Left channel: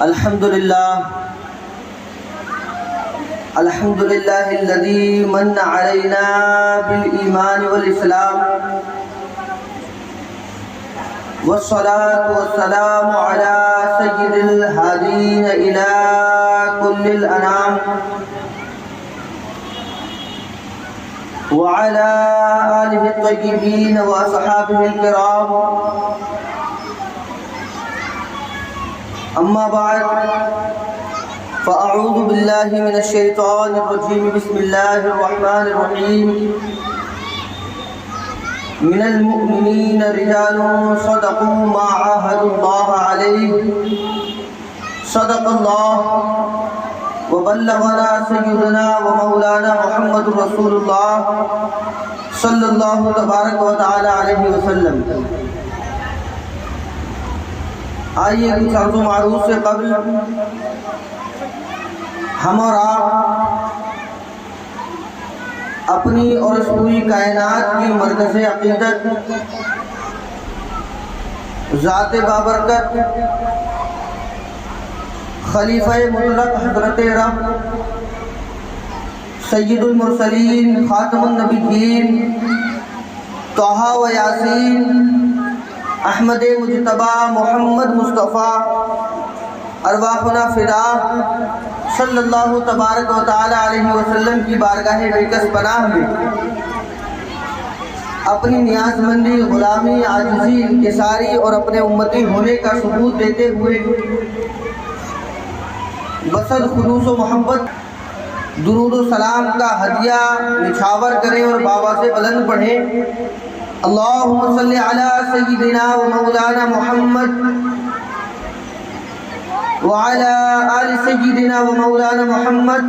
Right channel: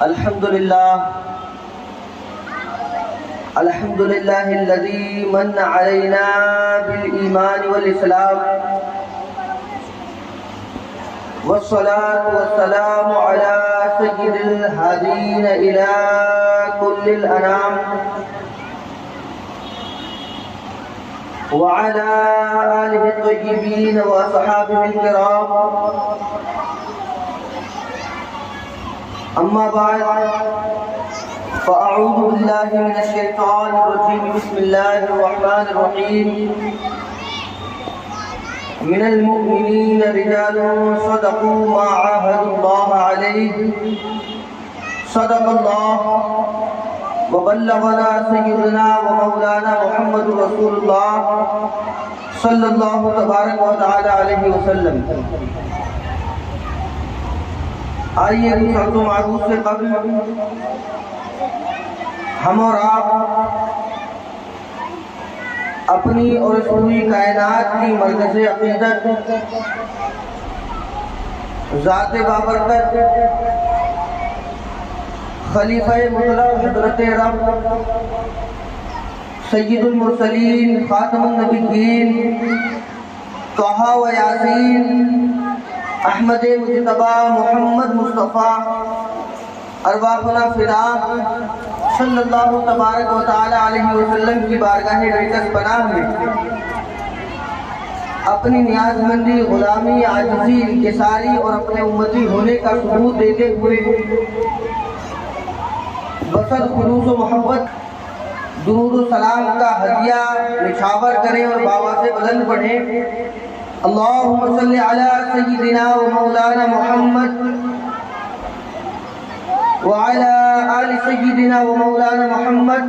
الحمد لله الذي من علينا بالإيمان والإسلام، والصلاة والسلام على سيد الهادين إلى كل الأنام، وعلى آله الطيبين وأصحابه الكرام. أما بعد، فأعوذ بالله من الشيطان الرجيم. بسم الله الرحمن الرحيم. من المؤمنين رجال صدقوا ما عاهدوا الله عليه، صدق الله. وبلغنا سيدنا ومولانا محمد رسول الله صلی اللہ تبارک و تعالی علیہ وسلم. آئیے کچھ عرض و معروف سے قبل ہم اور آپ اپنی اور اس پوری کائنات کی مرکز عقیدت ذات بابرکت خلیفہ مطلق حضرت رب سید المرسلین خاتم النبیین طہ و یاسین احمد مجتبی محمد مصطفیٰ ارواحنا فدا صلی اللہ تبارک و تعالی علیہ وسلم کی بارگاہ اقدس پناہ میں اپنی نیاز مندی، غلامی، عاجزی، انکساری اور اپنے امتی ہونے کا ثبوت دیتے ہوئے وصل خلوص و محبت درود و سلام کا ہدیہ نچھاور کریں اور بابا سے بلند پڑھیں. اللہم صلی علی سیدنا و مولانا محمد وعلى آل سيدنا ومولانا محمد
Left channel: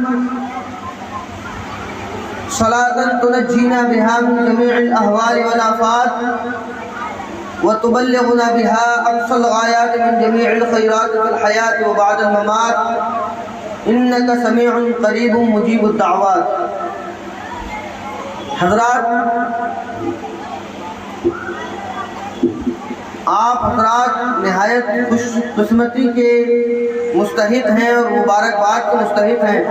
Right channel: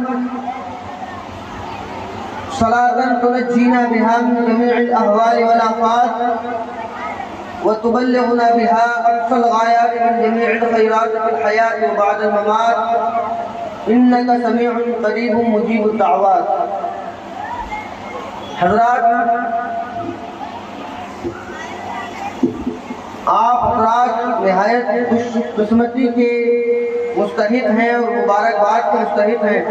صلاة تنجينا بها من جميع الأهوال والآفات وتبلغنا بها أقصى الغايات من جميع الخيرات في الحياة وبعد الممات إنك سميع قريب مجيب الدعوات. حضرات، آپ حضرات نہایت خوش قسمتی کے مستحق ہیں اور مبارکباد کے مستحق ہیں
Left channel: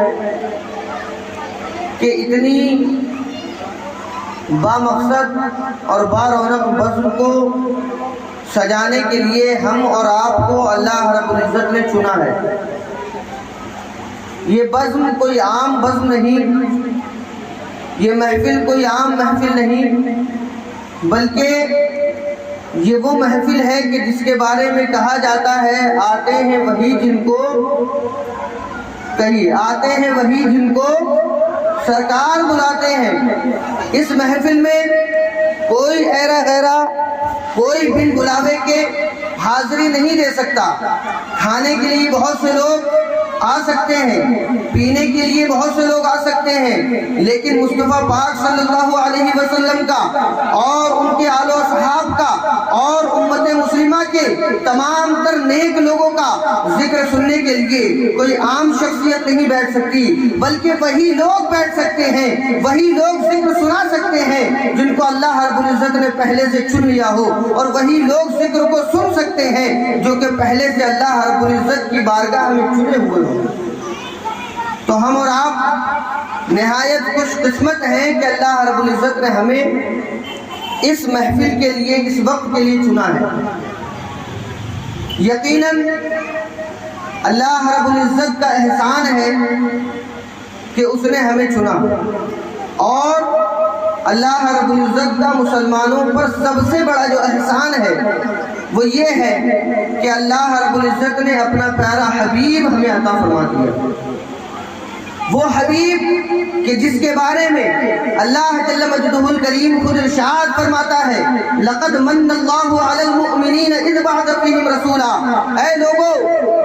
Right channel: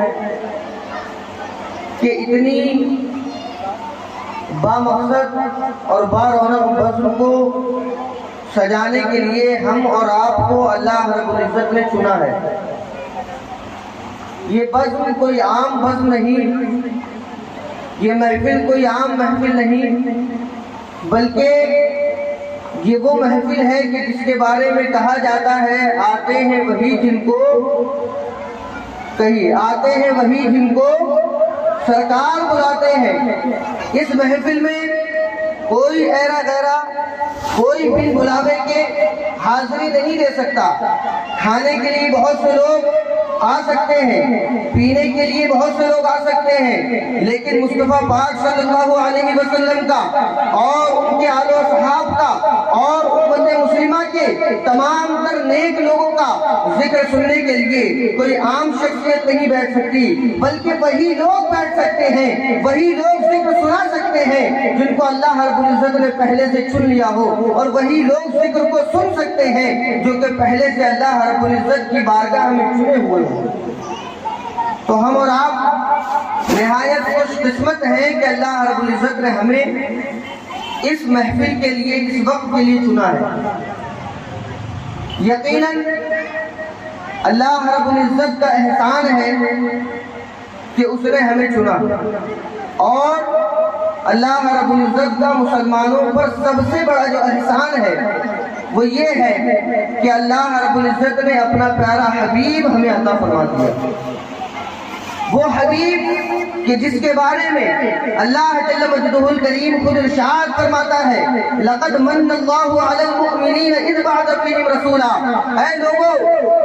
کہ اتنی بامقصد اور بارونق بزم کو سجانے کے لیے ہم اور آپ کو اللہ رب العزت نے چنا ہے. یہ بزم کوئی عام بزم نہیں، یہ محفل کوئی عام محفل نہیں، بلکہ یہ وہ محفل ہے کہ جس کے بارے میں کہا جاتا ہے آتے ہیں وہی جن کو آتے ہیں وہی جن کو سرکار بلاتے ہیں. اس محفل میں کوئی ایرا کوئی بن بلاوے کے حاضری نہیں دے سکتا. کھانے کے لیے بہت سے لوگ آ سکتے ہیں، پینے کے لیے بہت سے لوگ آ سکتے ہیں، لیکن مصطفیٰ پاک صلی اللہ علیہ وسلم کا اور ان کے آل و صحاب کا اور امت مسلمہ کے تمام تر نیک لوگوں کا ذکر سننے کے لیے کوئی عام شخصیت نہیں بیٹھ سکتی، بلکہ وہی لوگ بیٹھ سکتے ہیں، وہی لوگ ذکر سنا سکتے ہیں جن کو اللہ رب العزت نے پہلے سے چن لیا ہو، اور وہی لوگ ذکر کو سن سکتے ہیں جو کہ پہلے سے اللہ رب العزت کی بارگاہ میں چنے ہوئے ہوں. تو ہم اور آپ نہایت خوش قسمت ہیں کہ اللہ رب العزت نے ہمیں اس محفل کے لیے، اس وقت کے لیے چنا ہے. یقیناً اللہ رب العزت کا احسان ہے کہ اس نے ہمیں چنا، اور اللہ رب العزت کا مسلمانوں پر سب سے بڑا جو احسان ہے وہ یہ ہے کہ اللہ رب العزت نے اپنا پیارا حبیب ہمیں عطا فرما دیا. وہ حبیب کہ جس کے بارے میں اللہ جل مجدہ الکریم خود ارشاد فرماتا ہے لقد من اللہ علی المؤمنین اذ بعث فیہم رسولا. اے لوگوں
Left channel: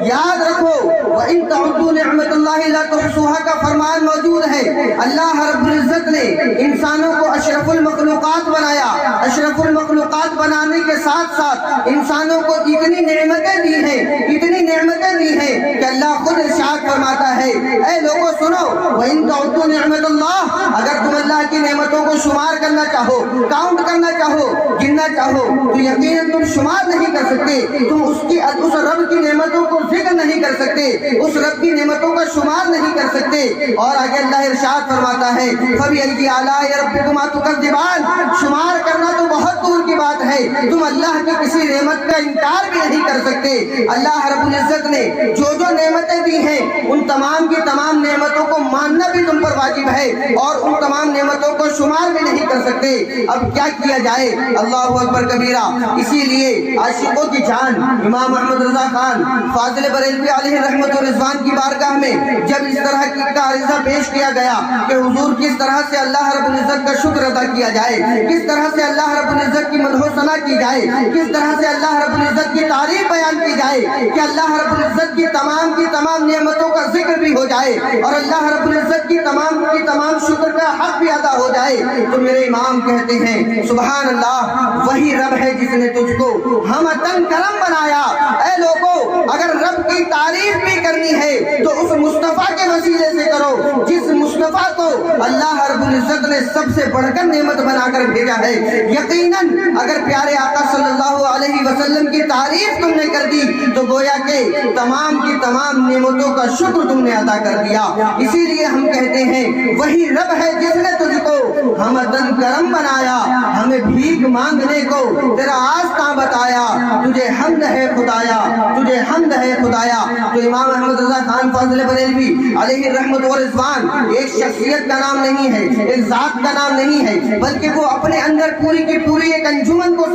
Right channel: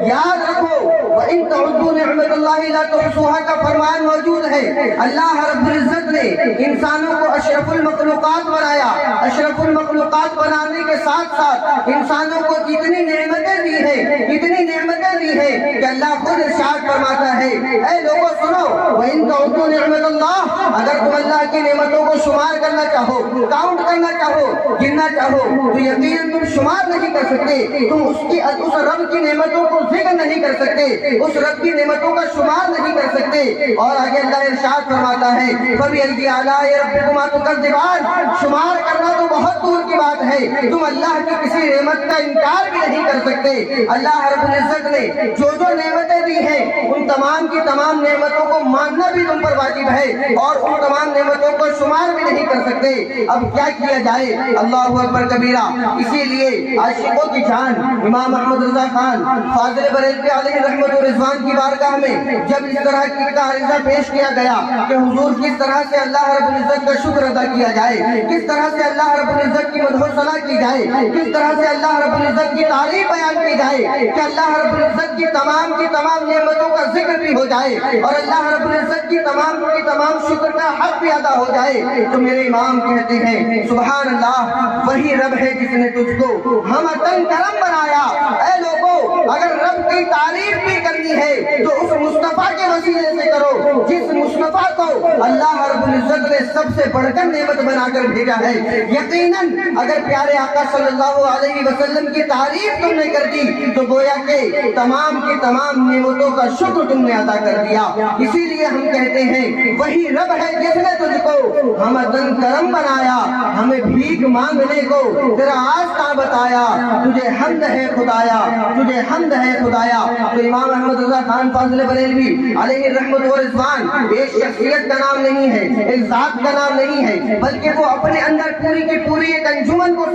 یاد رکھو وَإِن تَعُدُّوا نِعْمَتَ اللَّهِ لَا تُحْصُوهَا کا فرمان موجود ہے. اللہ رب العزت نے انسانوں کو اشرف المخلوقات بنایا. اشرف المخلوقات بنانے کے ساتھ ساتھ انسانوں کو اتنی نعمتیں دی ہیں کہ اللہ خود ارشاد فرماتا ہے اے لوگوں سنو وَإِن تَعُدُّوا نِعْمَتَ اللَّهِ، اگر تم اللہ کی نعمتوں کو شمار کرنا چاہو، کاؤنٹ کرنا چاہو، گننا چاہو تو یقیناً تم شمار نہیں کر سکتے. تم اس رب کی نعمتوں کو ذکر نہیں کر سکتے. اس رب کی نعمتوں کا شمار نہیں کر سکتے۔ اور آگے اللہ ارشاد فرماتا ہے فَبِأَيِّ آلَاءِ رَبِّكُمَا تُكَذِّبَانِ، شمار کرنا تو بہت دور کی بات ہے، تم اللہ کی کسی نعمت کا انکار بھی نہیں کر سکتے۔ اللہ رب العزت نے جو نعمتیں دی ہیں ان تمام کی تمام نعمتوں کو ماننا بھی تم پر واجب ہے، اور ان تمام نعمتوں کو شمار بھی نہیں کر سکتے۔ اب کیا کیا جائے؟ اللہ اکبر کبیرہ۔ اسی لیے عاشقوں کی جان امام احمد رضا خان فاضل بریلوی علیہ رحمت و رضوان کی بارگاہ میں جب اس طرح کا عرضہ پیش کیا گیا کہ حضور کس طرح سے اللہ رب العزت کا شکر ادا کیا جائے، کس طرح سے اللہ رب العزت کی مدح و ثنا کی جائے، کس طرح سے اللہ رب العزت کی تعریف بیان کی جائے کہ اللہ رب العزت کی تمام نعمتوں کا ذکر بھی ہو جائے اور اللہ رب العزت کی تمام شکر کا حق بھی ادا ہو جائے، تو میرے امام کہتے ہیں سبحان اللہ، وہی رب ہے جس نے تجھ کو ہمتن کرم بنایا۔ اے لوگوں، اگر رب کی تعریف بھی کرنی ہے تو اس مصطفیٰ کے وسیلے سے کرو جس مصطفیٰ کو اللہ رب العزت نے سب سے بڑھ کر نعمت بنا کر بھیجا ہے۔ یقیناً اگر پیارے آقا صلی اللہ علیہ وسلم کی تعریف تم نے کر دی تو گویا کہ تمام کی تمام نعمتوں کا شکر تم نے ادا کر دیا۔ اسی لیے ہم کہتے ہیں وہی رب ہے جس نے تجھ کو ہمدن کرم بنایا، ہمیں بھیک مانگنے کو تیرا آستہ بتایا، تجھے حمد ہے خدایا، تجھے حمد ہے خدایا۔ تو امام احمد رضا خان فاضل بریلوی علیہ رحمت و رضوان ایک شخصیت کا نام نہیں ہے، ایک ذات کا نام نہیں ہے، بلکہ وہ اپنے اندر پوری کی پوری ایک انجمن کو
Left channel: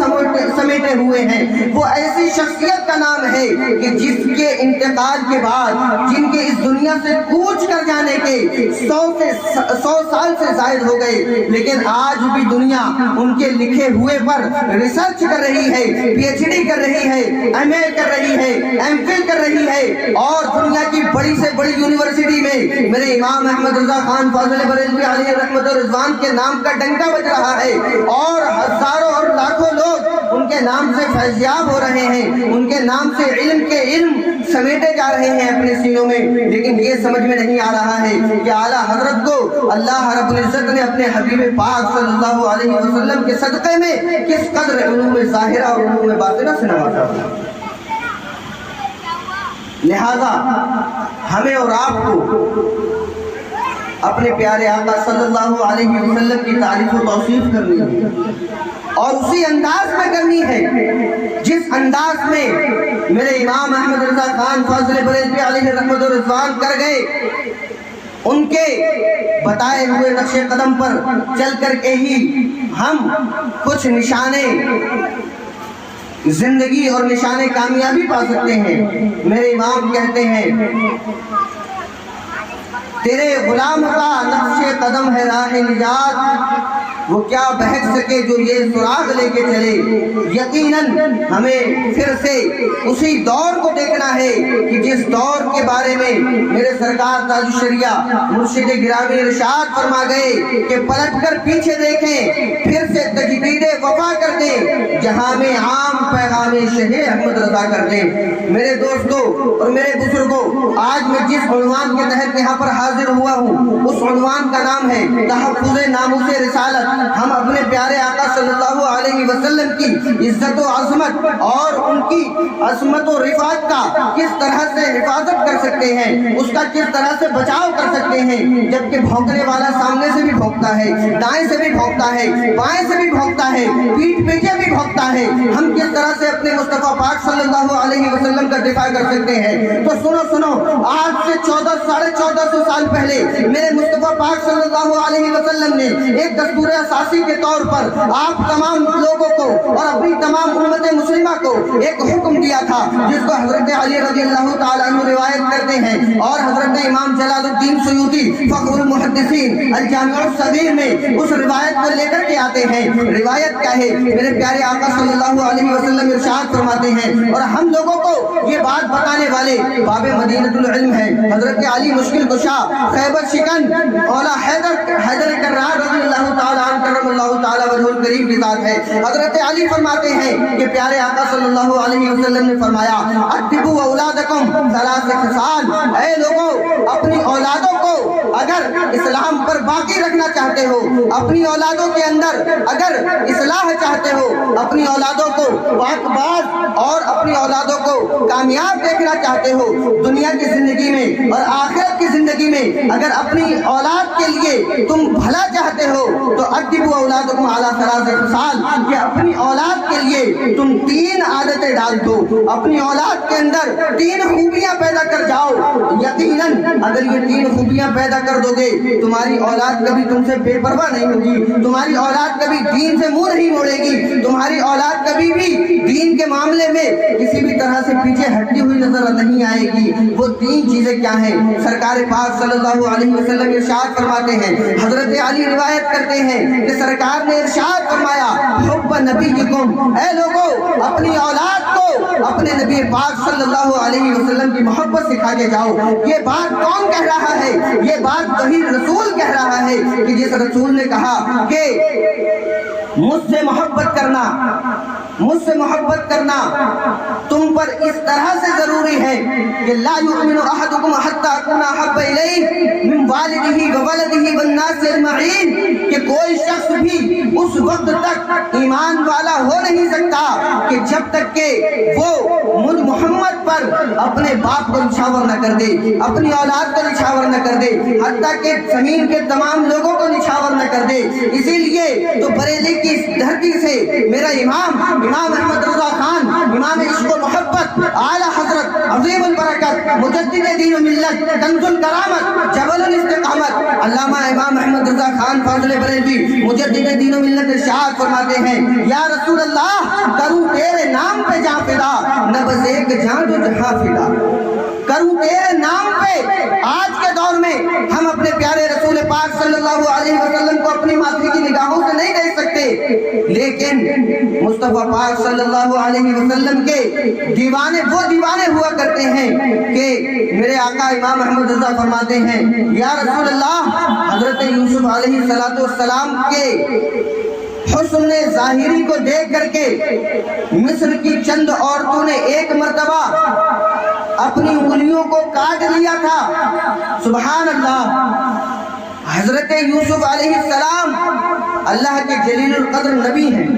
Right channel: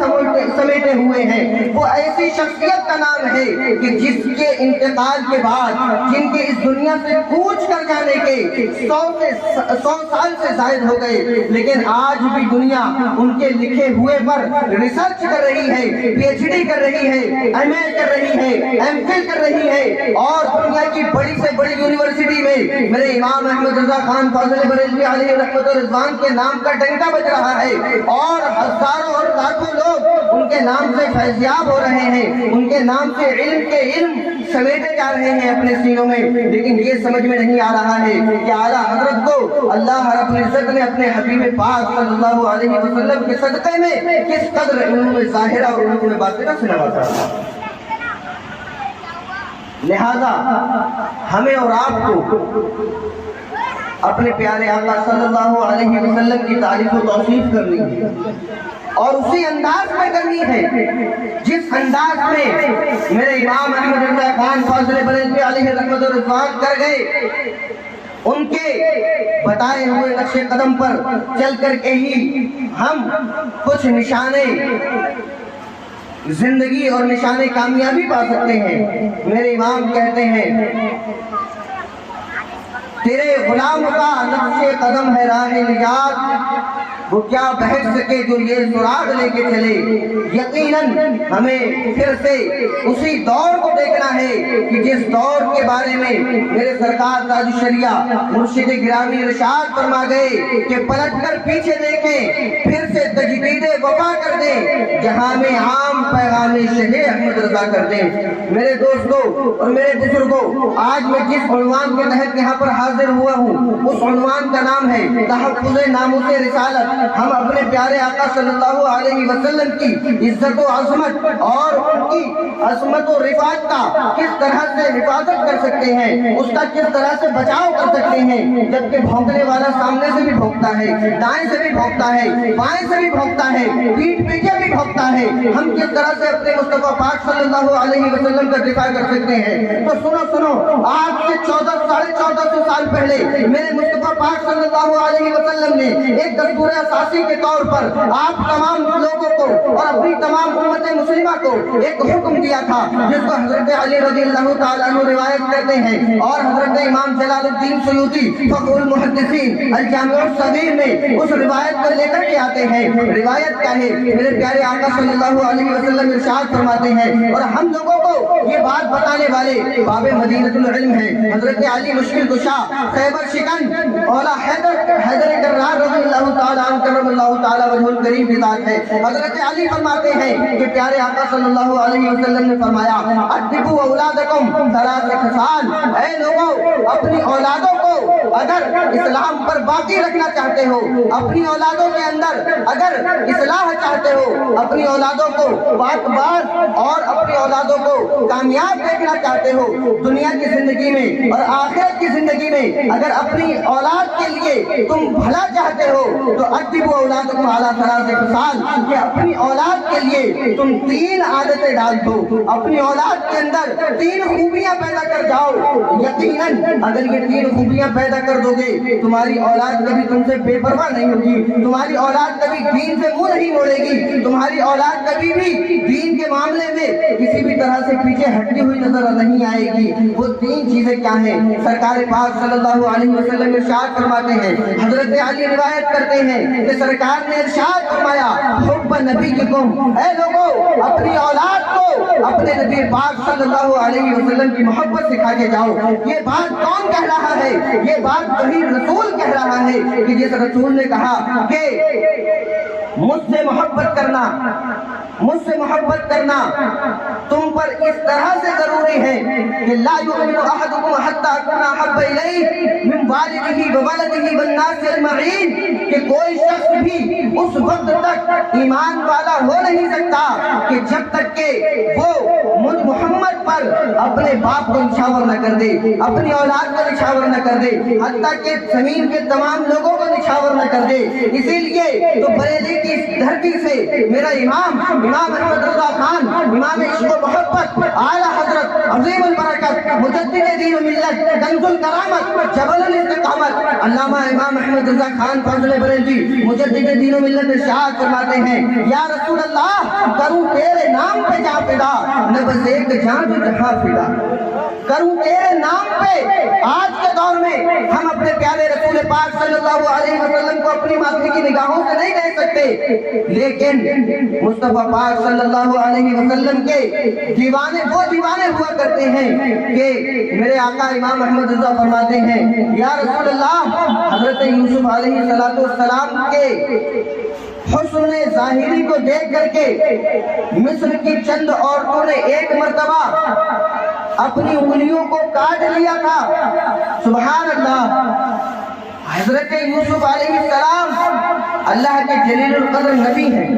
سمیٹے ہوئے ہیں۔ وہ ایسی شخصیت کا نام ہے کہ جس کے انتقال کے بعد، جن کے اس دنیا سے کوچ کر جانے کے 100 سال سے زائد ہو گئے، لیکن آج بھی دنیا ان کے لکھے ہوئے پر ریسرچ کر رہی ہے، پی ایچ ڈی کر رہی ہے، ایم اے کر رہی ہے، ایم فل کر رہی ہے، اور دنیا کی بڑی سے بڑی یونیورسٹی میں میرے امام احمد رضا خان فاضل بریلوی علیہ رحمت و رضوان کے نام کا ڈنکا بج رہا ہے، اور ہزاروں اور لاکھوں لوگ ان کے نام سے فیضیاب ہو رہے ہیں، ان کے نام سے علم کے علم سمیٹے جا رہے ہیں اپنے سینوں میں۔ لیکن یہ سمجھ میں نہیں آ رہا ہے کہ اعلیٰ حضرت کو اللہ رب العزت نے اپنے حبیب پاک صلی اللہ علیہ وسلم کے صدقے میں کس قدر علوم ظاہرہ اور علوم باطنہ سے نوازا۔ لہذا ہمیں اور آپ کو اپنے پیارے آقا صلی اللہ علیہ وسلم کی تعریف و توصیف کرنی ہے، اور اسی انداز میں کرنی ہے جس انداز میں میرے امام احمد رضا خان فاضل بریلوی علیہ رحمت و رضوان کر گئے۔ ان کے بتائے ہوئے نقش قدم پر چل کر کے ہی ہم کچھ نشانے زندگی اور نشانے کامیابی پا سکتے ہیں۔ میرے امام کہتے ہیں تیرے غلام کا نقش قدم ہے راہ نجات، وہ کیا بہک سکے جو یہ سراغ لے کے چلے۔ یقیناً ہمیں پھر سے اسی دور کو دیکھنا ہے کہ جس دور کے بارے میں میرے سرکار تاج الشریعہ مرشد گرامی ارشاد فرما گئے کہ پلٹ کر پیچھے دیکھیں، پھر سے تجدید وفا کر دیں، جہاں میں عام پیغام شہ احمد رضا کر دیں۔ میرے دوستوں اور میرے بزرگوں، آج میں جس عنوان کے تحت یہاں پر حاضر ہوا ہوں اس عنوان کا نام ہے تحفظ ناموس رسالت۔ ہم اپنے پیارے آقا صلی اللہ علیہ وسلم کی عزت و عظمت اور ان کی عظمت و رفعت کا کس طرح سے حفاظت کر سکتے ہیں، اس کا کس طرح سے بچاؤ کر سکتے ہیں، جبکہ بھونکنے والا سامنے سے بھی بھونکتا ہے، دائیں سے بھی بھونکتا ہے، بائیں سے بھی بھونکتا ہے، پیٹھ پیچھے بھی بھونکتا ہے۔ ہم کس طرح سے اپنے مصطفیٰ پاک صلی اللہ علیہ وسلم کا دفاع کر سکتے ہیں؟ تو سنو، آج سے 1400 سال پہلے میرے مصطفیٰ پاک صلی اللہ علیہ وسلم نے ایک دستور اساسی کے طور پر آپ تمام لوگوں کو اور اپنی تمام امت مسلمہ کو ایک حکم دیا تھا، جس کو حضرت علی رضی اللہ تعالیٰ عنہ روایت کرتے ہیں، اور حضرت امام جلال الدین سیوطی فخر المحدثین الجامع الصغیر میں اس روایت کو لے کر کے آتے ہیں۔ روایت کیا ہے؟ میرے پیارے آقا صلی اللہ علیہ وسلم ارشاد فرماتے ہیں، اور ہم لوگوں کو یہ بات بتانے والے باب مدینۃ العلم ہے حضرت علی مشکل کشا خیبر شکن اولا حیدر کرار رضی اللہ تعالیٰ عنہ کرم اللہ تعالیٰ وجہ الکریم کی ذات ہے۔ حضرت علی فرماتے ہیں کہ پیارے آقا صلی اللہ علیہ وسلم نے فرمایا ادبوا اولادکم ثلاث خصال، اے لوگوں اپنی اولادوں کو اگر اسلام پر باقی رکھنا چاہتے ہو، اپنی اولادوں کے اندر اگر اصلاح چاہتے ہو، اپنی اولادوں کو پاک باز اور اپنی اولادوں کو کامیاب دیکھنا چاہتے ہو دنیا کی زندگی میں اور آخرت کی زندگی میں، اگر اپنی اولاد کے لیے تم بھلا چاہتے ہو تو ادبوا اولادکم علی ثلاث خصال، کہ اپنی اولاد کے لیے تم 3 عادتیں ڈال دو، اپنی اولاد کے اندر 3 خوبیاں پیدا کر جاؤ۔ یقیناً اگر یہ 3 خوبیاں پیدا کر دو گے تمہاری اولاد کبھی تم سے بے پرواہ نہیں ہوگی، تمہاری اولاد کبھی دین سے منہ نہیں موڑے گی، تمہاری اولاد کبھی بھی دین کے معاملے میں کسی بھی طرح سے پیچھے ہٹی ہوئی نظر نہیں آئے گی۔ وہ 3 چیزیں کیا ہیں؟ سرکار پاک صلی اللہ علیہ وسلم ارشاد فرماتے ہیں، حضرت علی روایت کرتے ہیں کہ سرکار نے ارشاد فرمایا، حب نبیکم، اے لوگو اپنی اولاد کو اپنے نبی پاک صلی اللہ علیہ وسلم کی محبت سکھا کے جاؤ۔ یہ بات کون کہہ رہا ہے؟ یہ بات وہی رسول کہہ رہا ہے کہ جس رسول نے کہا کہ مجھ سے محبت کرنا تم پر اس طرح سے ضروری ہے کہ لا یؤمن احدکم حتی اکون احب الیہ من والدہ وولدہ والناس اجمعین، کہ کوئی شخص بھی اس وقت تک ایمان والا ہو نہیں سکتا کہ جب تک کہ وہ مجھ محمد پر اپنے باپ کو نچھاور نہ کر دے، اپنی اولاد کو نچھاور نہ کر دے، حتیٰ کہ زمین کے تمام لوگوں کو نچھاور نہ کر دے۔ اسی لیے تو بریلی کی دھرتی سے میرا امام احمد رضا خان، امام عشق و محبت، اعلیٰ حضرت عظیم البرکت، مجدد دین و ملت، کنز الکرامت، جبل الاستقامت، علامہ امام احمد رضا خان فاضل بریلوی مجدد دین و ملت ارشاد فرماتے ہیں، یا رسول اللہ کروں تیرے نام پہ جا فدا، نہ بس ایک جان جو جہاں فدا، کروں تیرے نام پہ۔ آج کے دور میں ہم اپنے پیارے رسول پاک صلی اللہ علیہ وسلم کو اپنی ماتھی کی نگاہوں سے نہیں دیکھ سکتے، لیکن مصطفیٰ پاک صلی اللہ علیہ وسلم کے دیوانے وہ دیوانے ہوا کرتے ہیں کہ میرے آقا امام احمد رضا فرماتے ہیں، یا رسول اللہ حضرت یوسف علیہ السلام کے حسن ظاہری کو دیکھ کر کے مصر کی چند عورتوں نے ایک مرتبہ اپنی انگلیوں کو کاٹ لیا تھا۔ سبحان اللہ، حضرت یوسف علیہ السلام اللہ کے جلیل القدر نبی ہیں،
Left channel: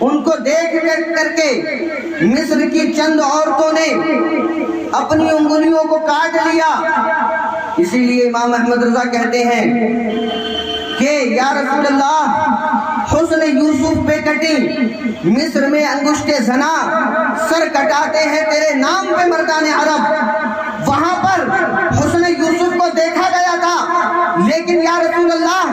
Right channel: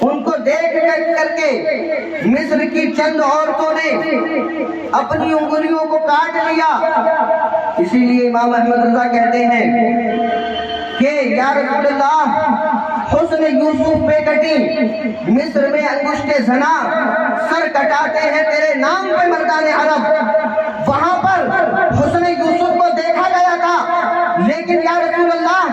ان کو دیکھ کر کے مصر کی چند عورتوں نے اپنی انگلیوں کو کاٹ لیا۔ اسی لیے امام احمد رضا کہتے ہیں کہ یا رسول اللہ حسن یوسف پہ کٹی، مصر میں انگشت زنا سر کٹاتے ہیں تیرے نام پہ مردان عرب۔ وہاں پر حسن یوسف کو دیکھا گیا تھا، لیکن یا رسول اللہ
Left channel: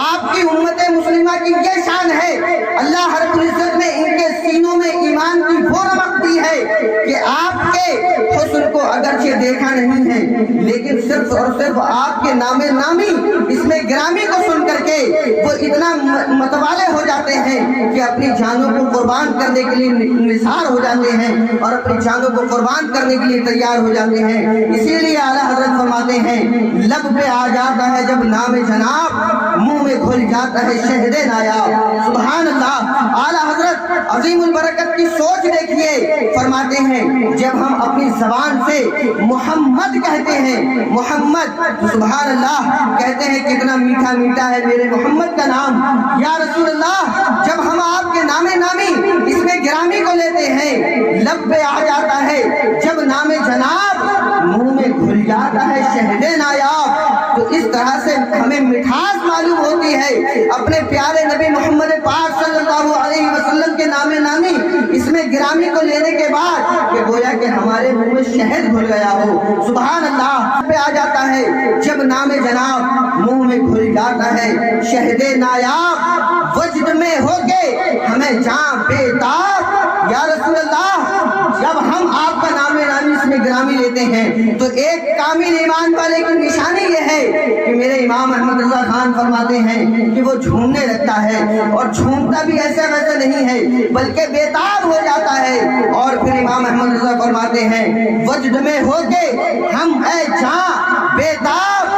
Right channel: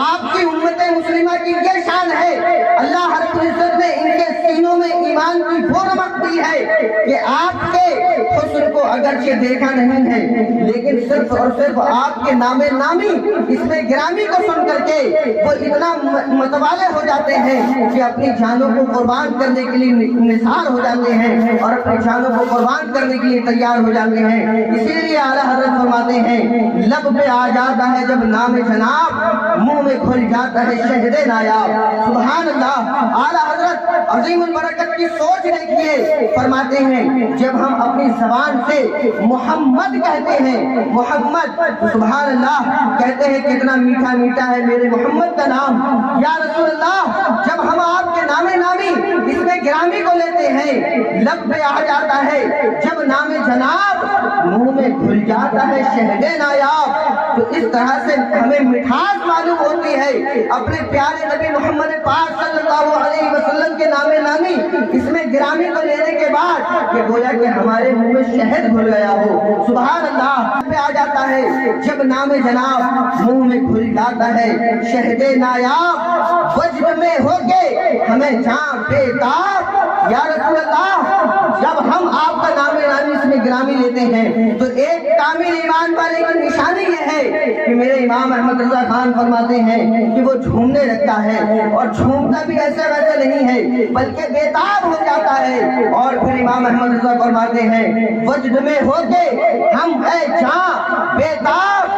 آپ کی امت مسلمہ کی یہ شان ہے، اللہ رب العزت نے ان کے سینوں میں ایمان کی وہ رمق دی ہے کہ آپ کے حسن کو اگرچہ دیکھا نہیں ہے، لیکن صرف اور صرف آپ کے نام نامی اس میں گرامی کو سن کر کے وہ اتنا متوالے ہو جاتے ہیں کہ اپنی جانوں کو قربان کرنے کے لیے نثار ہو جاتے ہیں اور اپنی جانوں کو قربان کرنے کے لیے تیار ہو جاتے ہیں۔ اسی لیے اعلیٰ حضرت فرماتے ہیں، لب پہ آ جاتا ہے جب نام جناب، منہ میں کھل جاتا ہے شہد نایاب۔ سبحان اللہ، اعلیٰ حضرت عظیم البرکت کی سوچ دیکھیے، فرماتے ہیں جب ہم اپنی زبان سے محمد کہتے ہیں، محمد، سبحان اللہ، کہتے ہیں کتنا میٹھا میٹھا ہے میرے محمد کا نام۔ یا رسول اللہ جب ہم آپ کے نام نامی اس میں گرامی کو لیتے ہیں، لب پہ آ جاتا ہے جب نام جناب، منہ میں گھل جاتا ہے شہد نایاب۔ تو اس طرح سے ہمیں مٹھاس معلوم ہوتی ہے اپنے پیارے نبی محمد پاک صلی اللہ علیہ وسلم کے نام نامی اس میں گرامی کو لینے کے بعد کہ گویا کہ ہمارے منہ میں شہد گھل گیا ہو۔ سبحان اللہ، پہ آ جاتا ہے جب نام جناب، منہ میں گھل جاتا ہے شہد نایاب، وجد میں ہو کے ہمیں جان بیتاب۔ یا رسول اللہ جب ہم آپ کا نام نامی اس میں گرامی لیتے ہیں تو ایک کامل ایمان والے کی نشانی یہ ہے کہ میرے امام احمد رضا خان فرماتے ہیں کہ وہ جھومنے لگتا ہے، اور جھومتا بھی ایسا ویسا نہیں ہے بلکہ بیتاب ہو جاتا ہے۔ اور پھر امام احمد رضا فرماتے ہیں وجد میں ہو کے ہم اے جان بیتاب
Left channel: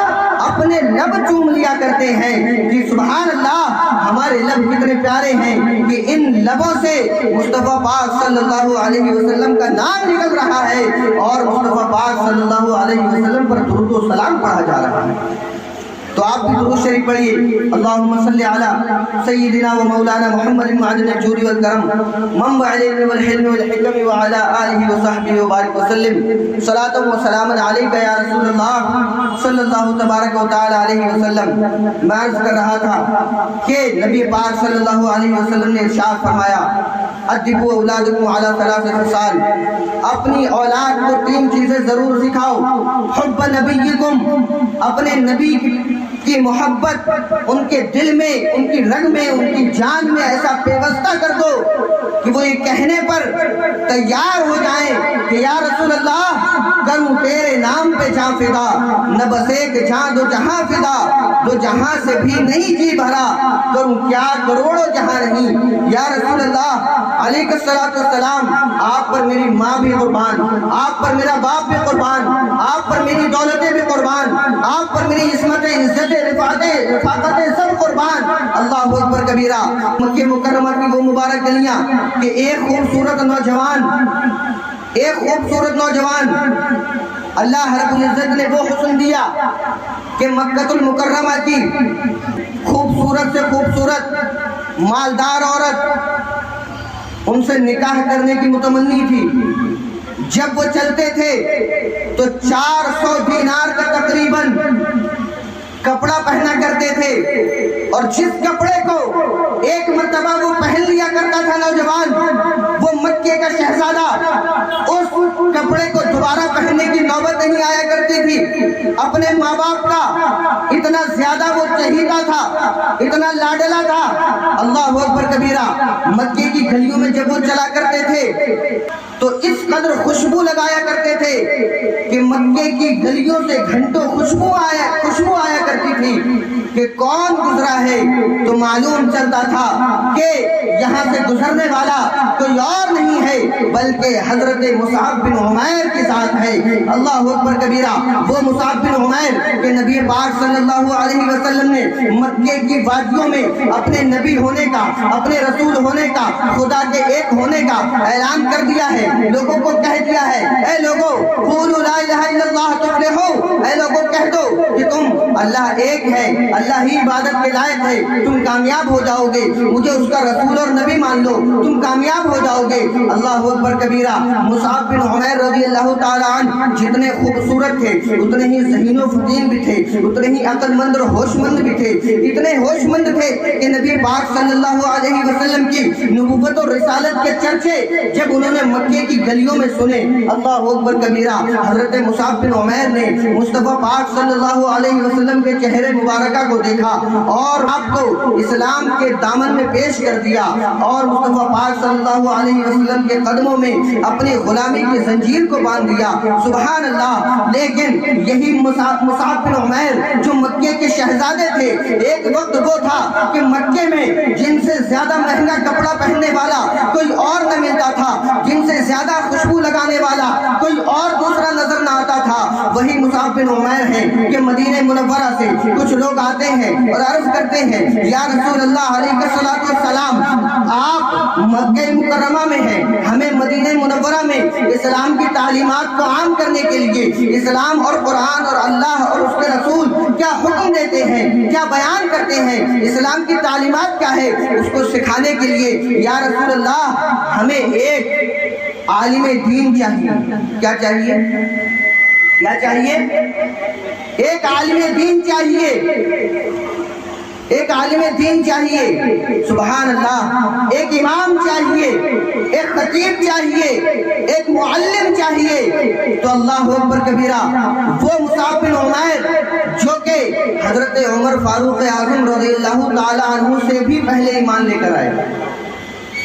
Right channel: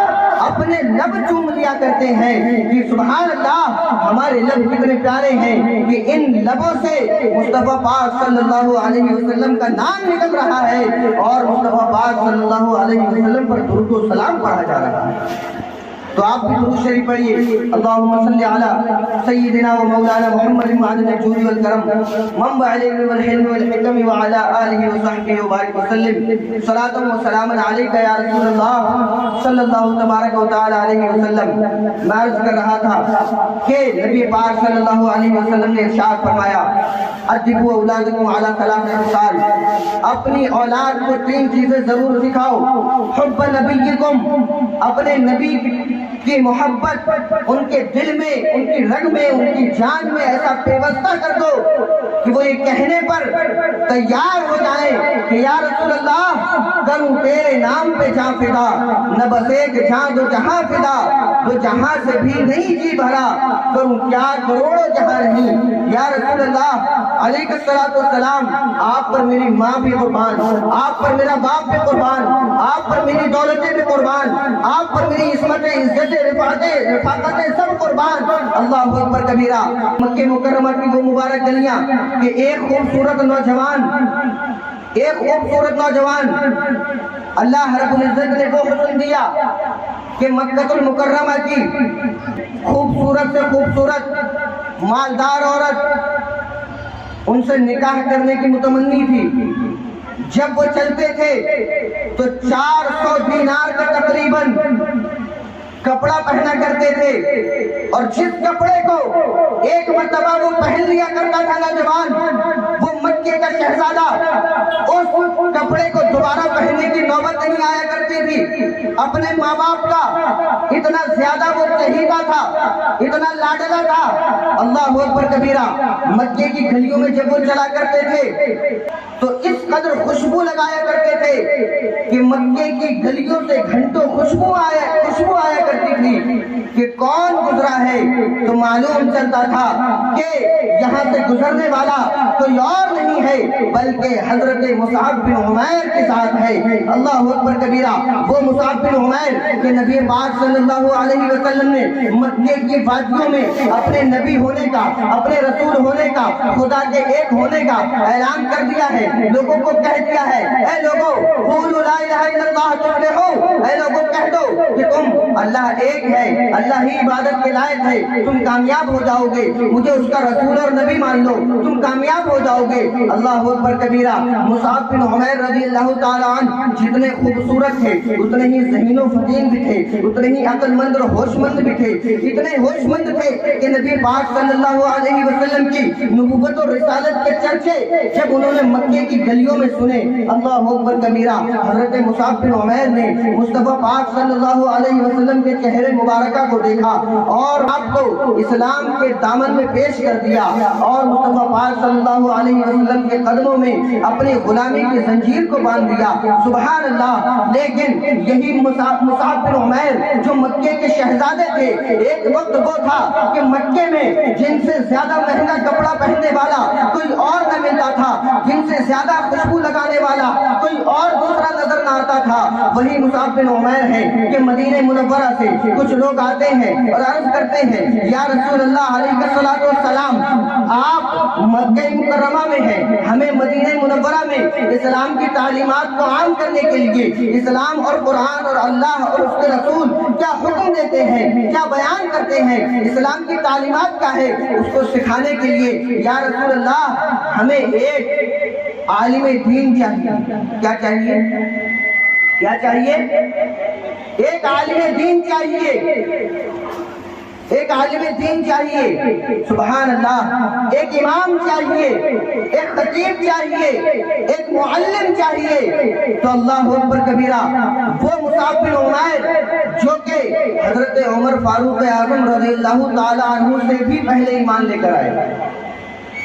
اپنے لب چوم لیا کرتے ہیں کہ سبحان اللہ ہمارے لب کتنے پیارے ہیں کہ ان لبوں سے مصطفیٰ پاک صلی اللہ علیہ وسلم کا نام نکل رہا ہے اور مصطفیٰ پاک صلی اللہ علیہ وسلم پر درود و سلام پڑھا جا رہا ہے۔ تو آپ آپ بھی درود شریف پڑھیے. اللہم صلی علی سیدنا و مولانا محمد معدن الجود والکرم منبع العلم والحلم والحکم وعلی آلہ وصحبہ وبارک وسلم. صلاۃ و سلام علیکہ یا رسول اللہ صلی اللہ تبارک و تعالی علیہ وسلم. میں عرض کر رہا تھا کہ نبی پاک صلی اللہ علیہ وسلم نے ارشاد فرمایا ادبوا اولادکم علی ثلاث خصال. اپنی اولاد کو 3 چیزیں ضرور سکھاؤ. حب نبیکم، اپنے نبی کی محبت ان کے دل میں، ان کی رگ میں، ان کی جان میں ایسا پیوستہ کر دو کہ وہ یہ کہنے پر تیار ہو جائیں کہ یا رسول اللہ کروں تیرے نام پہ جاں فدا، نہ بس ایک جاں دو جہاں فدا، دو جہاں سے بھی نہیں جی بھرا، کروں کیا کروڑوں جہاں نہیں. یا رسول اللہ علیہ الصلوۃ والسلام آپ پر میری ماں بھی قربان، آپ پر میرا باپ بھی قربان، آپ پر میری دولتیں بھی قربان، آپ پر میری عصمتیں، عزتیں، رفاقتیں سب قربان. اللہ اکبر کبیرہ. مکہ مکرمہ کی وہ مبارک گلیاں کہ ایک خوبصورت نوجوان اللہ رب العزت نے وہ حسن دیا کہ مکہ المکرمہ کی خوبصورت سے خوبصورت مالدار عورت ان سے نکاح کرنے کی متمنی تھی. جب وہ چلتے تھے تو 400 دینار کا تقریباً کپڑا پہنا کرتے تھے، اور جس کپڑے کو ایک مرتبہ وہ پہن لیا کرتا تھا نوجوان، وہ مکے کا شہزادہ اس کپڑے کو دوبارہ پہننے کی نوبت نہیں آیا کرتی تھی. اپنے ماں باپ کا اتنا زیادہ وہ چہیتا تھا، اتنا لاڈلا تھا. اللہ اکبر کبیرہ. مکے کی گلیوں میں جب وہ چلا کرتے تھے تو اس قدر خوشبو لگایا کرتے تھے کہ مکے کی گلیوں سے گھنٹوں خوشبو آیا کرتی تھی کہ کون گزرا ہے تو معلوم چلتا تھا کہ یہاں سے گزرنے والا کوئی اور نہیں ہے بلکہ حضرت مصعب بن عمیر کے ساتھ ہے. اللہ اکبر کبیرہ. وہ مصعب بن عمیر کہ نبی پاک صلی اللہ علیہ وسلم نے مکے کی وادیوں میں اپنے نبی ہونے کا، اپنے رسول ہونے کا، خدا کے ایک ہونے کا اعلان کر دیا ہے. لوگوں کو کہہ دیا ہے اے لوگوں قولوا لا الہ الا اللہ تفلحوا، اے لوگوں کہہ دو کہ تم اللہ ایک ہے، اللہ ہی عبادت کے لائق ہے، تم کامیاب ہو جاؤ گے. مجھے اس کا رسول اور نبی مان لو، تم کامیاب ہو جاؤ گے. اللہ اکبر کبیرہ. مصعب بن عمیر رضی اللہ تعالی عنہ جتنے خوبصورت تھے اتنے ہی ذہین و فطین بھی تھے، اتنے ہی عقل مند اور ہوش مند بھی تھے. اتنے ہوش مند تھے کہ نبی پاک صلی اللہ علیہ وسلم کی نبوت اور رسالت کے چرچے جب انہوں نے مکے کی گلیوں میں سنے. اللہ اکبر کبیرہ. حضرت مصعب بن عمیر نے مصطفیٰ پاک صلی اللہ علیہ وسلم کے چہرے مبارکہ کو دیکھا اور آپ کو اسلام کے دامن میں پیش کر دیا اور مصطفیٰ پاک صلی اللہ علیہ وسلم کے قدموں میں اپنی غلامی کی زنجیر کو باندھ دیا. سبحان اللہ. لیکن یہی مصعب بن عمیر جو مکے کے شہزادے تھے، ایک وقت وہ تھا کہ مکے میں جن سے زیادہ مہنگا کپڑا پہننے والا کوئی اور نہ ملتا تھا، جن سے زیادہ خوشبو لگانے والا کوئی اور دوسرا نظر نہ آتا تھا، وہی مصعب بن عمیر ہے کہ مدینہ منورہ سے کچھ لوگ آتے ہیں اور عرض کرتے ہیں یا رسول اللہ علیہ الصلوۃ والسلام آپ مکہ مکرمہ میں ہیں، ہمیں مدینہ منورہ میں اسلام کی تعلیمات کو عام کرنے کے لیے اسلام اور قرآن اور اللہ اور اس کے رسول کیا حکم دیتے ہیں، کیا بیان کرتے ہیں، اسلام کی تعلیمات کیا ہے، اس کو سکھانے کے لیے یا رسول اللہ ہمیں ایک عالم دین چاہیے. کیا چاہیے؟ کیا چاہیے؟ ایک عالم دین چاہیے، ایک عالم دین چاہیے. سبحان اللہ. ایک امام چاہیے، ایک خطیب چاہیے، ایک معلم چاہیے. تو اللہ اکبر کبیرہ. وہ مصعب بن عمیر جو کہ حضرت عمر فاروق اعظم رضی اللہ تعالی عنہ سے بھی پہلے ایمان لے کر آئے.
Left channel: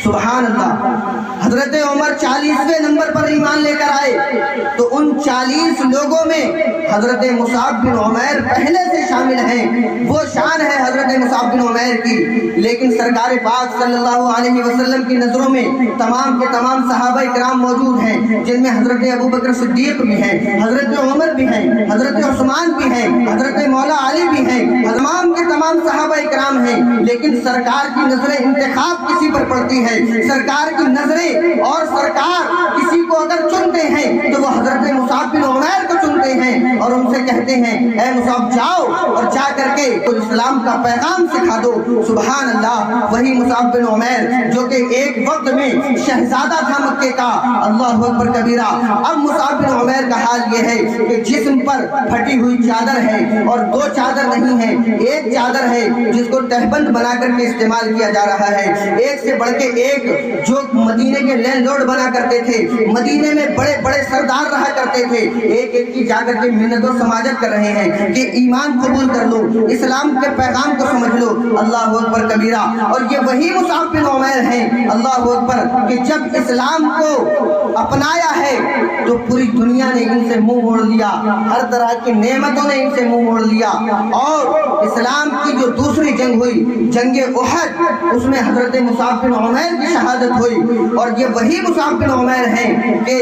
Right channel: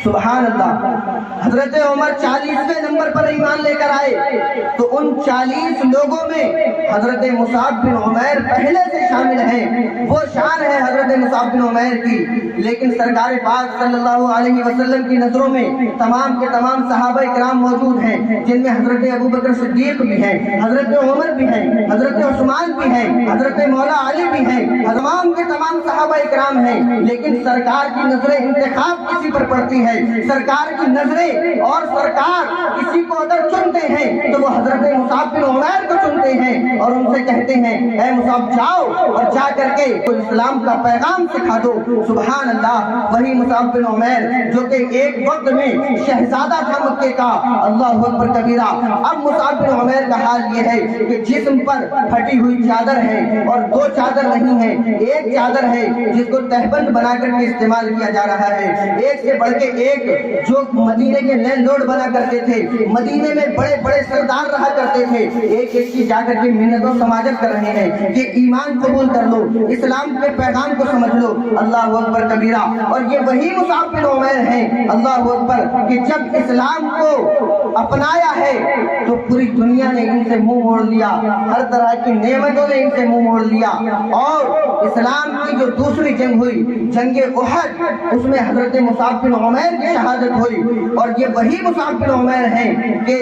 سبحان اللہ. حضرت عمر 40ویں نمبر پر ایمان لے کر آئے تو ان 40 لوگوں میں حضرت مصعب بن عمیر پہلے سے شامل ہیں. وہ شان ہے حضرت مصعب بن عمیر کی. لیکن سرکار پاک صلی اللہ علیہ وسلم کی نظروں میں تمام کے تمام صحابہ کرام موجود ہیں، جن میں حضرت ابو بکر صدیق بھی ہیں، حضرت عمر بھی ہیں، حضرت عثمان بھی ہیں، حضرت مولا علی بھی ہیں، تمام کے تمام صحابہ کرام ہیں. لیکن سرکار کی نظریں انتخاب کسی پر پڑتی ہیں. سرکار کی نظریں اور سرکار کسی کو اگر چنتے ہیں تو وہ حضرت مصعب بن عمیر کو چنتے ہیں. اور ان سے کہتے ہیں اے مصعب جاؤ اور جا کر کے تو اسلام کا پیغام سکھا دو۔ سبحان اللہ، وہی مصعب بن عمیر جو کہ ایک وقت میں شہزادہ تھا مکے کا، اللہ اکبر کبیرہ۔ اب مصعب بن عمیر کا حال یہ ہے کہ جسم پر پھٹی ہوئی چادر ہے، اور دو چادر نہیں ہے، ایک چادر ہے جس کو تہبند بنا کر کے استعمال کیا جا رہا ہے، ایک سے بڑھ کے ایک۔ جو مدینے کے لینڈ لارڈ بنا کرتے تھے، مدینے میں بڑے بڑے سردار رہا کرتے تھے، ایک ایک کی جا کر کے منت و سماجت کر رہے ہیں کہ ایمان قبول کر لو، اسلام کے پیغام کو سمجھ لو، اللہ اکبر کبیرہ۔ اور یہ وہی مصعب بن عمیر ہیں، اللہ اکبر، کہ جب اسلام کو اپنایا ہے تو پوری دنیا نے ان سے منہ موڑ لیا، ہر طرح کی نعمتوں نے ان سے منہ موڑ لیا۔ اور اسلام کی جو دوسری جنگ ہوئی، جنگ احد، اس میں حضرت مصعب بن عمیر کی شہادت ہوئی، اور یہ وہی مصعب بن عمیر ہیں کہ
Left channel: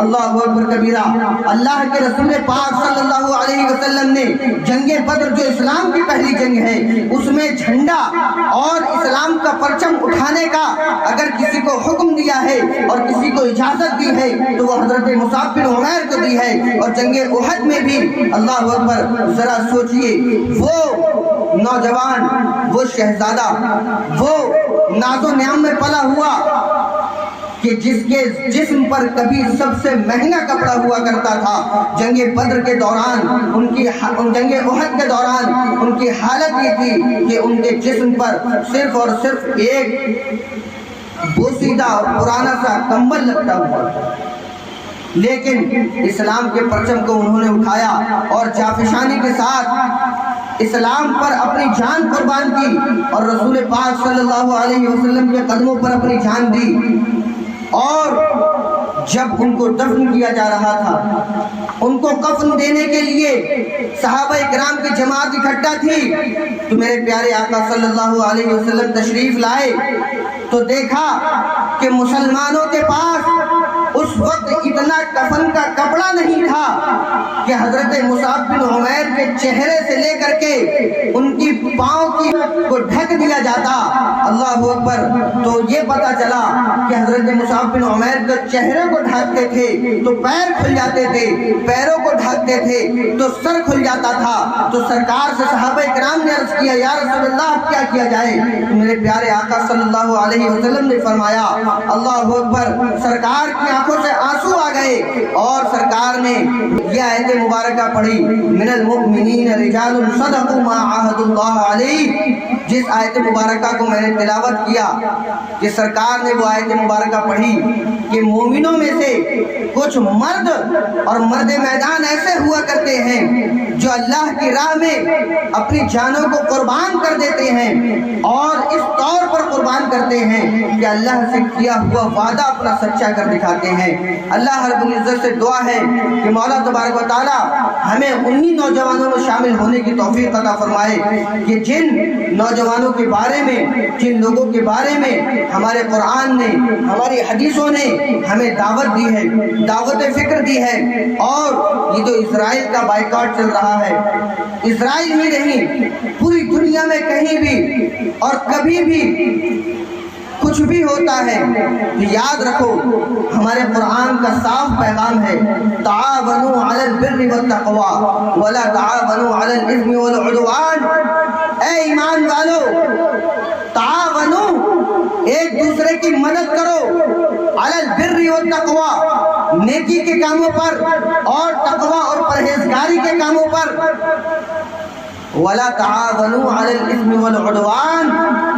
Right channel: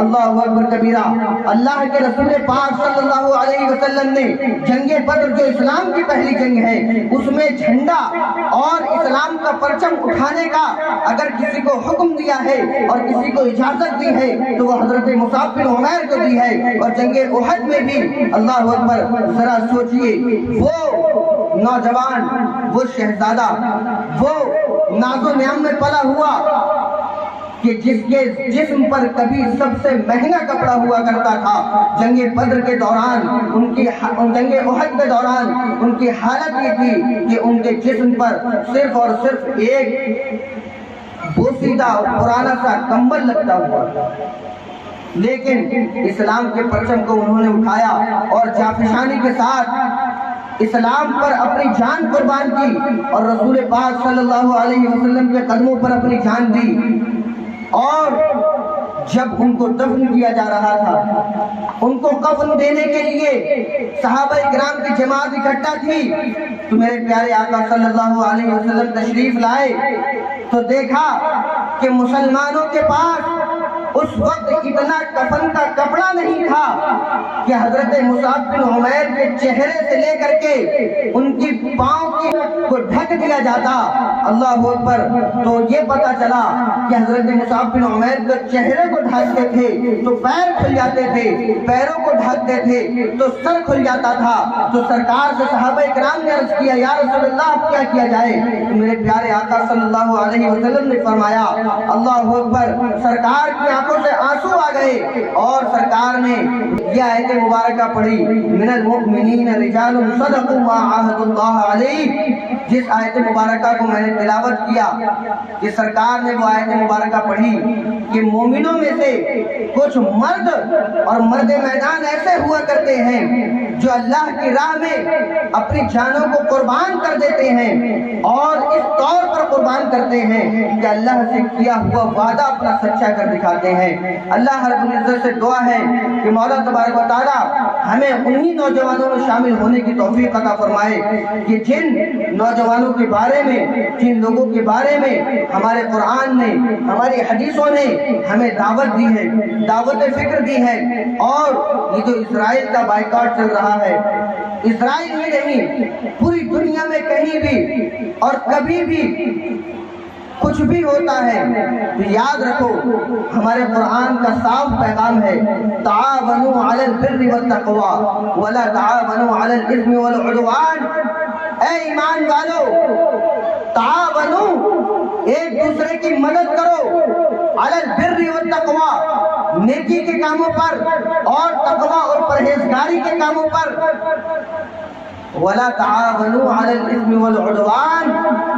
اللہ اکبر کبیرہ، اللہ کے رسول پاک صلی اللہ علیہ وسلم نے جنگ بدر جو اسلام کی پہلی جنگ ہے، اس میں جھنڈا اور اسلام کا پرچم اٹھانے کا اگر کسی کو حکم دیا ہے اور کسی کو اجازت دی ہے تو وہ حضرت مصعب بن عمیر کو دی ہے۔ اور جنگ احد میں بھی اللہ اکبر، ذرا سوچئے، وہ نوجوان، وہ شہزادہ، وہ ناز و نعم میں پلا ہوا کہ جس کے جسم پر کبھی سب سے مہنگا کپڑا ہوا کرتا تھا، جنگ بدر کے دوران جنگ احد کے دوران ان کی حالت یہ تھی کہ ان کے جسم پر صرف اور صرف ایک بوسیدہ پرانا سا کمبل لگتا ہوا، لیکن اسلام کے پرچم کو انہوں نے اٹھایا اور جافشانی کے ساتھ اسلام پر اپنی جان قربان کی، اور رسول پاک صلی اللہ علیہ وسلم کے قدموں پر اپنی جان دی۔ اور جب ان کو دفن کیا جا رہا تھا، ان کو کفن دینے کے لیے صحابہ کرام کی جماعت اکٹھا تھی، تو میرے پیارے آقا صلی اللہ علیہ وسلم تشریف لائے تو دیکھا کہ مسلمانوں کے پاس اس وقت اتنا کفن کا کپڑا نہیں تھا کہ حضرت مصعب بن عمیر کے چہرے سے لے کر کے ان کی پاؤں کی کو ڈھک دیا جاتا، اللہ اکبر۔ تو یہ پتا چلا کہ حضرت مصعب بن عمیر کے چہرے کو ڈھانکتے تھے تو پیر کھل جاتے تھے، پیروں کو ڈھانکتے تھے تو سر کھل جاتا تھا۔ تو سرکار سے صحابہ کرام نے عرض کیا یا رسول اللہ اب کیا کیا جائے؟ میرے پیارے آقا صلی اللہ علیہ وسلم نے فرمایا اللہ اکبر، سرکار کی آنکھوں سے آنسو آ گئے اور سرکار نے یہ آیت مبارکہ پڑھی، من المؤمنین رجال صدقوا ما عاہدوا اللہ علیہ۔ جس آیت مبارکہ کو میں نے تلاوت کیا کہ سرکار نے وہ آیت مبارکہ پڑھی کہ مومنوں میں سے کچھ مرد اور مرد میدان ایسے ہوا کرتے ہیں جو اللہ کی راہ میں اپنی جانوں کو قربان کر دیتے ہیں، اور اس طور پر قربان کرتے ہیں کہ اللہ سے کیا ہوا وعدہ اپنا سچا کر دکھاتے ہیں۔ اللہ رب العزت سے دعا ہے کہ مولا تبارک و تعالی ہمیں انہی نوجوانوں میں شامل ہونے کی توفیق عطا فرمائے کہ جن نوجوانوں کے بارے میں، جن لوگوں کے بارے میں ہمارے قرآن نے، ہماری حدیثوں نے ہمیں دعوت دی ہے، دعوت فکر دی ہے۔ اور یہ جو اسرائیل کا بائیکاٹ چل رہا ہے، اسرائیل میں نہیں، پوری دنیا میں کہیں بھی اور کبھی بھی کچھ بھی ہوتا ہے تو یاد رکھو ہمارے قرآن کا صاف پیغام ہے، تعاونوا علی البر والتقوی ولا تعاونوا علی الاثم والعدوان۔ اے ایمان والو، تعاونوا، ایک دوسرے کی مدد کرو، علی البر والتقوی، نیکی کے کاموں پر اور تقوی اور پرہیزگاری کے کاموں پر، ولا تعاونوا علی الاثم والعدوان،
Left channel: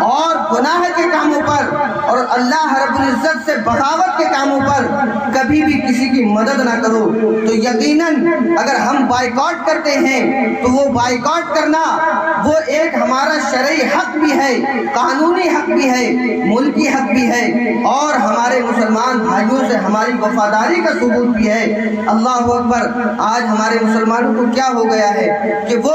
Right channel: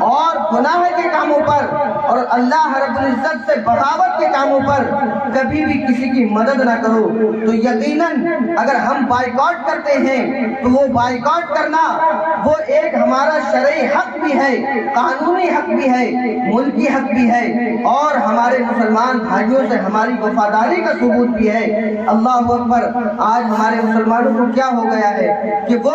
اور گناہ کے کاموں پر اور اللہ رب العزت سے بغاوت کے کاموں پر کبھی بھی کسی کی مدد نہ کرو۔ تو یقیناً اگر ہم بائیکاٹ کرتے ہیں تو وہ بائیکاٹ کرنا وہ ایک ہمارا شرعی حق بھی ہے، قانونی حق بھی ہے، ملکی حق بھی ہے، اور ہمارے مسلمان بھائیوں سے ہماری وفاداری کا ثبوت بھی ہے۔ اللہ اکبر، آج ہمارے مسلمانوں کو کیا ہو گیا ہے کہ وہ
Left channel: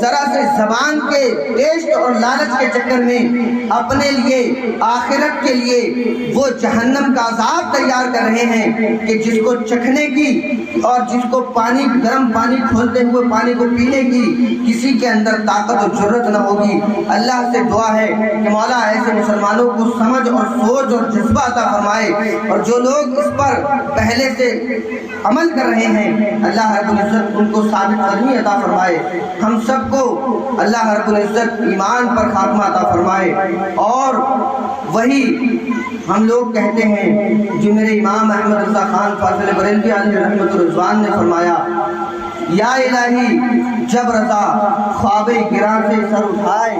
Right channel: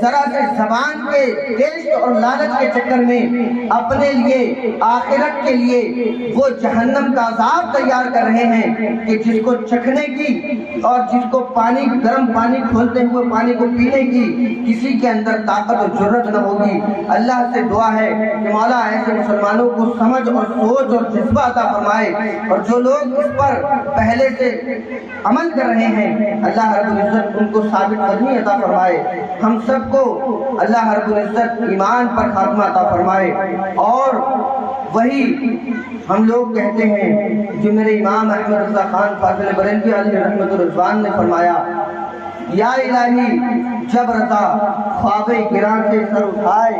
ذرا سے زبان کے ٹیسٹ اور لالچ کے چکر میں اپنے لیے آخرت کے لیے وہ جہنم کا عذاب تیار کر رہے ہیں کہ جس کو چکھنے کی اور جس کو پانی گرم پانی کھولتے ہوئے پانی کو پینے کی کسی کے اندر طاقت اور جرت نہ ہوگی۔ اللہ سے دعا ہے کہ مولا ایسے مسلمانوں کو سمجھ اور سوچ اور جذبہ عطا فرمائے، اور جو لوگ اس پر پہلے سے عمل کر رہے ہیں اللہ رب العزت ان کو ثابت قدمی عطا فرمائے۔ ہم سب کو اللہ رب العزت ایمان پر خاتمہ عطا فرمائے، اور وہی ہم لوگ کہتے ہیں جو میرے امام احمد رضا خان فاضل بریلوی علیہ رحمت الرضوان نے فرمایا، یا الہی جب رضا خواب گراں سے سر اٹھائے،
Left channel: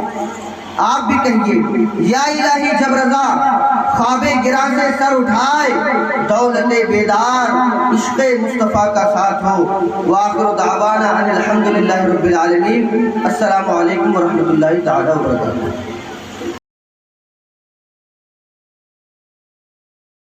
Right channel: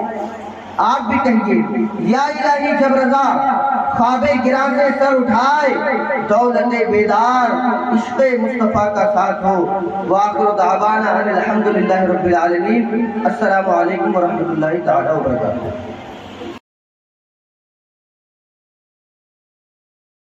آپ بھی کہیے یا الہی جب رضا خواب گراں سے سر اٹھائے، دولت بیدار عشق مصطفیٰ کا ساتھ ہو۔ وآخر دعوانا ان الحمدللہ رب العالمین۔ السلام علیکم ورحمۃ اللہ تعالی وبرکاتہ۔